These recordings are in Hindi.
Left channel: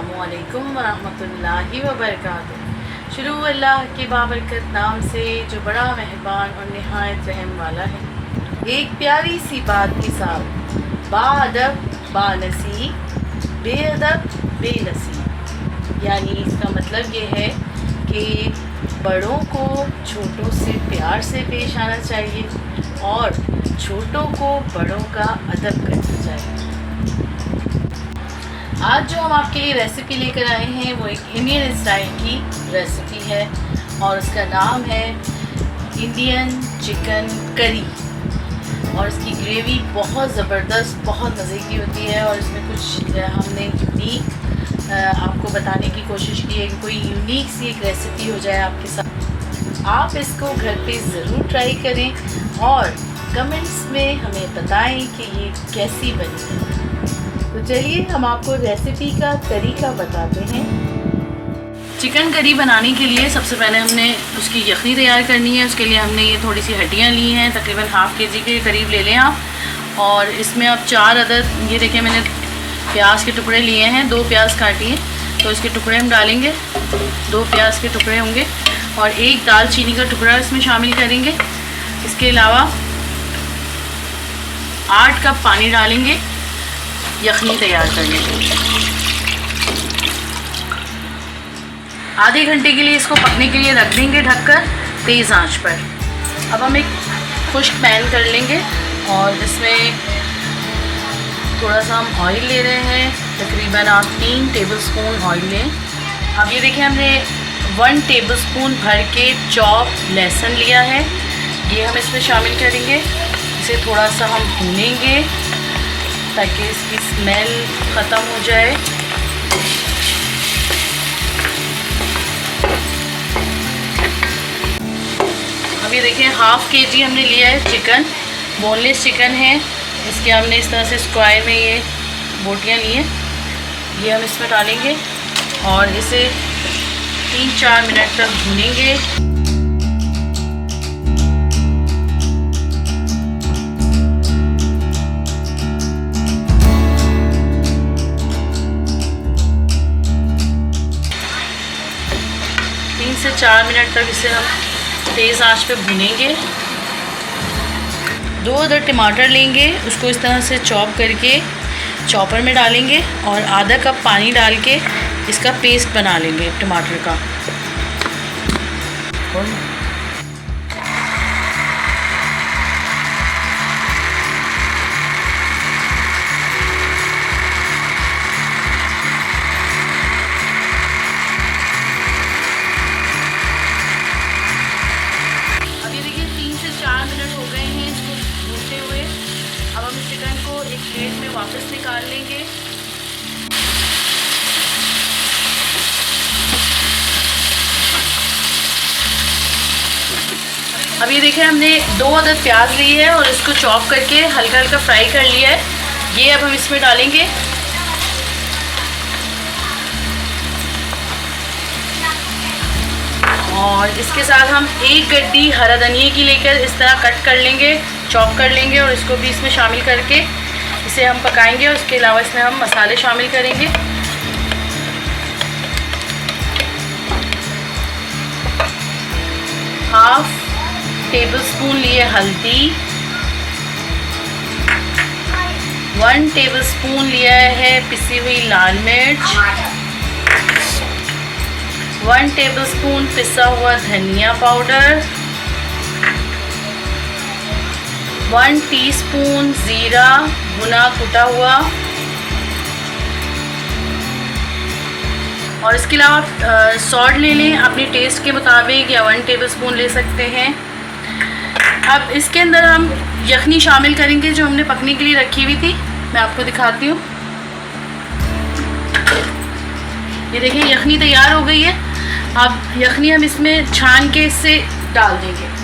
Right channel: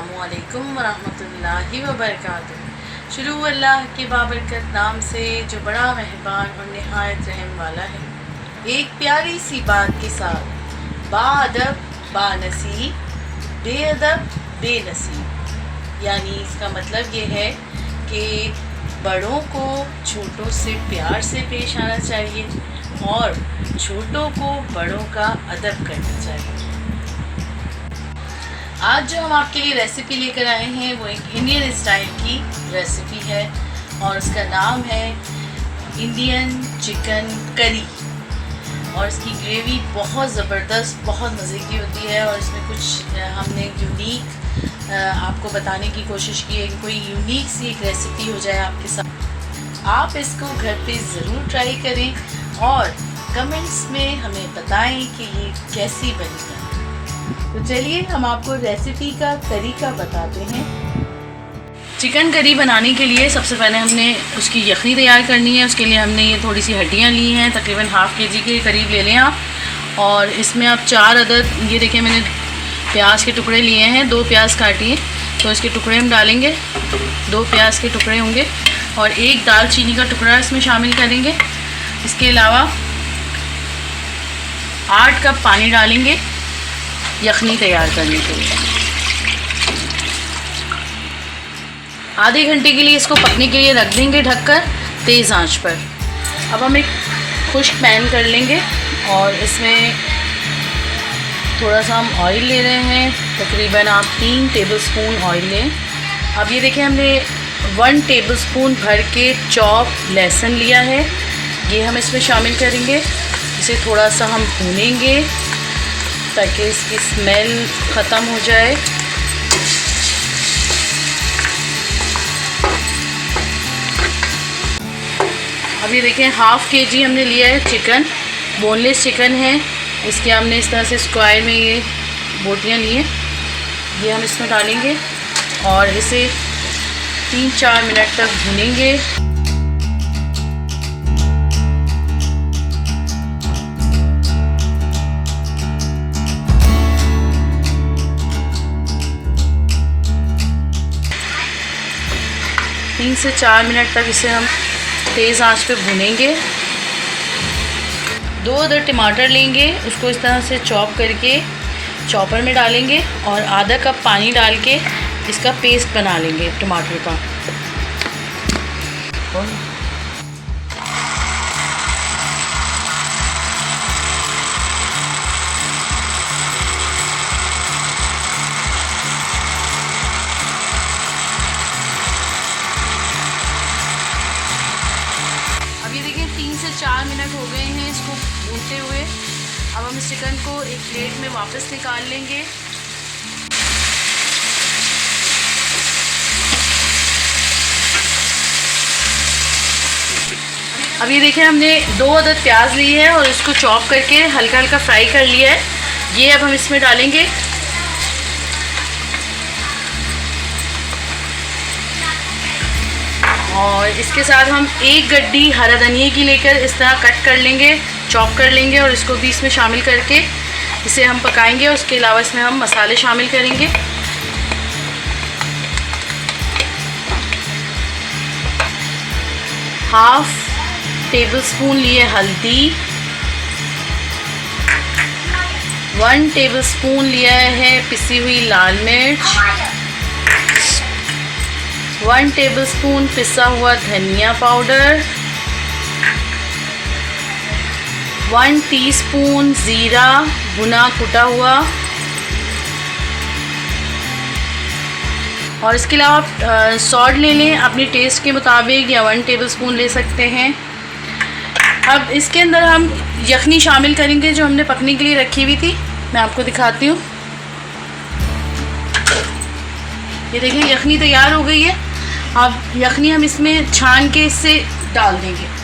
अस्सलामुअलैकुम वरहमतुल्लाहि वबरकातुहू। शुरू अल्लाह के बाबरकत नाम से जो बड़ा मेहरबान और नहायत रहम वाला है। एक प्यारी सी बात के साथ बाअदब बानसीब बेअदब बेनसीब, यानी इसका मतलब ये है कि बड़ों को छोटों से प्यार से पेश आना चाहिए और छोटों को बड़ों का अदब करना चाहिए। आज जो हम आपके लिए रेसिपी लेकर आए हैं वो एक इंडियन स्टाइल की रेसिपी है और उसका नाम है इंडियन चिकन करी। और इसकी ग्रेवी बहुत ज़बरदस्त, बहुत मज़े की होती है और इसमें कुछ हमने यूनिक आपको बताने की कोशिश की है कि कोई यूनिक सी एक रेसिपी हो जाए आपके साथ। आप इसको घर पे ज़रूर ट्राई करें और कमेंट्स में हमें बताएं कि ये कैसी बनी है। तो चलिए हम आपको रेसिपी का तरीका बताते हैं। चिकन करी बनाने के लिए सबसे पहले हमने उसकी यखनी तैयार करनी है। उसके लिए हमने ये थोड़ी सी हड्डियाँ ली हैं, तकरीबन हाफ़ केजी के करीब ले लें आप। और इसमें आप 4 अदद, ये देखिए मैंने प्याज के टुकड़े लिए हैं, 2 प्याज काटिए तो इसके टुकड़े हम डालेंगे, 2 प्याज के टुकड़े होंगे और 1 दालचीनी का टुकड़ा इसमें शामिल करेंगे। इसके अलावा 8 कप पानी डालेंगे यखनी तैयार करने के लिए। आधे घंटे के लिए इसको पकने के लिए रख देंगे ढककर तेज़ आंच पर। अब हम एक खुश्क पैन कर लेंगे और इसमें थोड़ा सा हम ऑयल ले रहे हैं, तकरीबन आप 3 टेबलस्पून ऑयल लें। अब ये देखिए हमने 1 टेबलस्पून भर के चॉप लहसुन लिया है, ये हम इसमें शामिल करेंगे। इसे थोड़ा सा हम भूनेंगे ताकि इसकी स्मेल ख़त्म हो जाए। अब ये देखिए हाफ़ केजी हमने लिया है चिकन, बोनलेस चिकन है। इसके हमने इस तरह से स्क्वायर में ये बोटियाँ ली हैं, ये हम इसमें डालेंगे और इसे 3-4 मिनट तक भूनेंगे। तीन से 4 मिनट तक इसे हम तेज़ आंच पे भूनेंगे। 2 अदद टमाटर लेंगे, उसको इस तरह से चॉप करके चॉपर में डालेंगे और आधा कप पानी डाल के इसका पेस्ट बना लेंगे टमाटर का। अब ये देखिए 3 से 4 मिनट हो गए हैं इसको भूनते हुए। अब हम इस चिकन को एक प्लेट में वापस निकाल लेंगे। अब ये देखिए हमने 2 अदद प्याज ली है और इसको चॉप करके हल्का हल्का फ्राई कर लिया है, ये अब हम इसमें डालेंगे। और इसके साथ हम 1 गड्डी हरा धनिया की लेकर इस तरह कट कर लेंगे, चॉप कर लेंगे और इसको भी इसमें शामिल करके इसे हम पकाएंगे। उसके अलावा इसमें हम मसाले शामिल करेंगे। हाफ़ टेबलस्पून लिए हल्दी, 1 टेबलस्पून लिया है पिसी हुई लाल मिर्च, 1 टेबलस्पून पिसा हुआ धनिया पाउडर, 1 टीस्पून ज़ीरा भुना कुटा हुआ और इसके अलावा आप सॉल्ट ले लें अपने टेस्ट के मुताबिक या 1 टेबलस्पून ले सकते हैं। अब इसके अंदर हम यखनी शामिल करेंगे जो हमने पकने के लिए रखी हुई थी, मैं आपको दिखाती हूँ। ये देखिए यखनी तैयार हो गई है। अब यखनी हम इसमें छान के इससे डाल देंगे।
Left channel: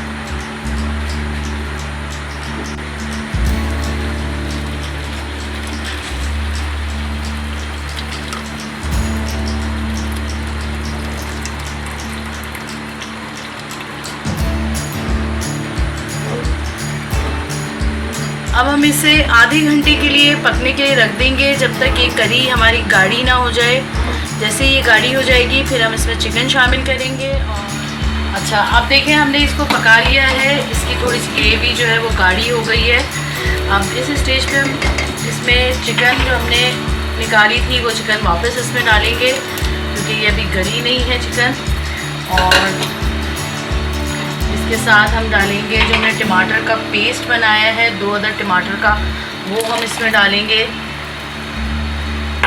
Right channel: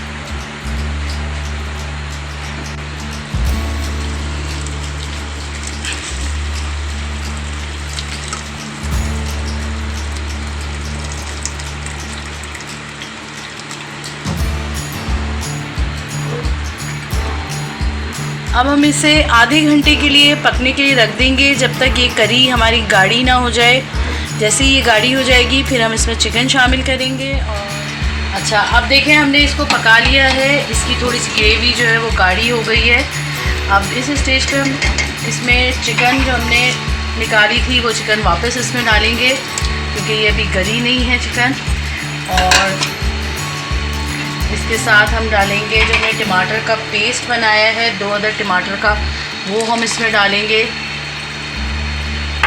अब हम इसे आधे घंटे के लिए पकने के लिए रख देंगे, जब तक ये करी हमारी गाढ़ी ना हो जाए। जैसे ही ये गाढ़ी हो जाएगी फिर हम इसमें चिकन शामिल करेंगे। अच्छा, अब देखें हमने इसको पका लिया है, इसकी थोड़ी सी ग्रेवी जो है वो गाढ़ी हो गई है। अब इस स्टेज पे हम इसमें चिकन जो हमने निकाली थी वो चिकन वापस इसमें डालेंगे, क्योंकि ये अभी गली नहीं है चिकन। और इसके साथ हम डालेंगे जो हमने टमाटर का पेस्ट बनाया है 2 अदद टमाटर का, वो हम इसमें डालेंगे।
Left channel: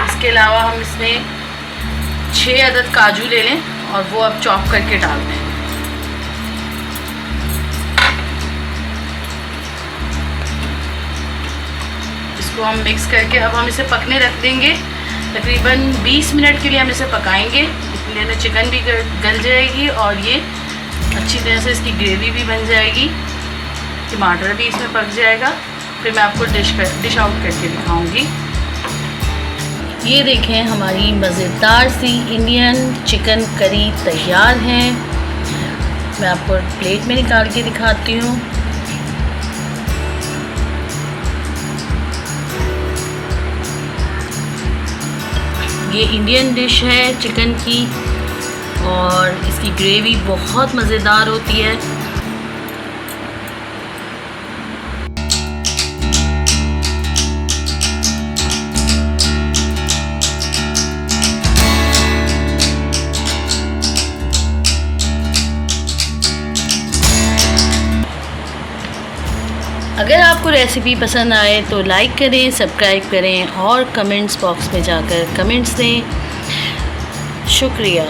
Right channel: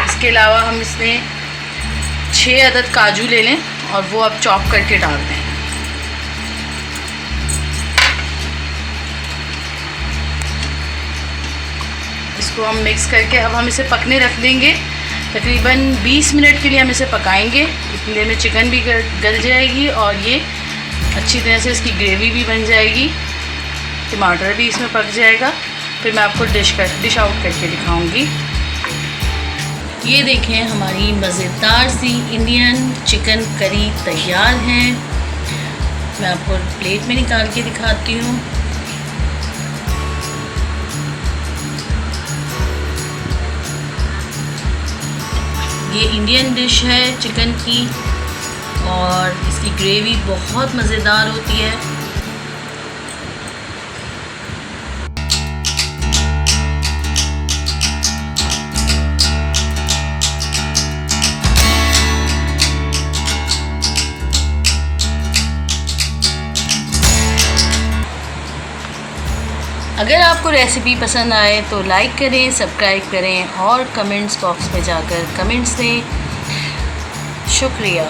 इसके अलावा हम इसमें 6 अदद काजू ले लें और वो अब चॉप करके डाल दें। इसको हम मिक्स करके अब हम इसे पकने रख देंगे। तकरीबन 20 मिनट के लिए हम इसे पकाएंगे, इसलिए में चिकन भी गल जाएगी और ये अच्छी तरह से इसकी ग्रेवी भी बन जाएगी, टमाटर भी इसमें पक जाएगा। फिर मैं आपको डिश आउट करके दिखाऊंगी। ये देखें हमारी मज़ेदार सी इंडियन चिकन करी तैयार है। मैं आपको प्लेट में निकाल के दिखाती हूँ। ये इंडियन डिश है चिकन की और इसकी ग्रेवी बहुत मज़ेदार होती है। अगर आपको रेसिपी पसंद आए तो लाइक करें, सब्सक्राइब करें और कमेंट्स बॉक्स में जाकर कमेंट्स दें। शुक्रिया।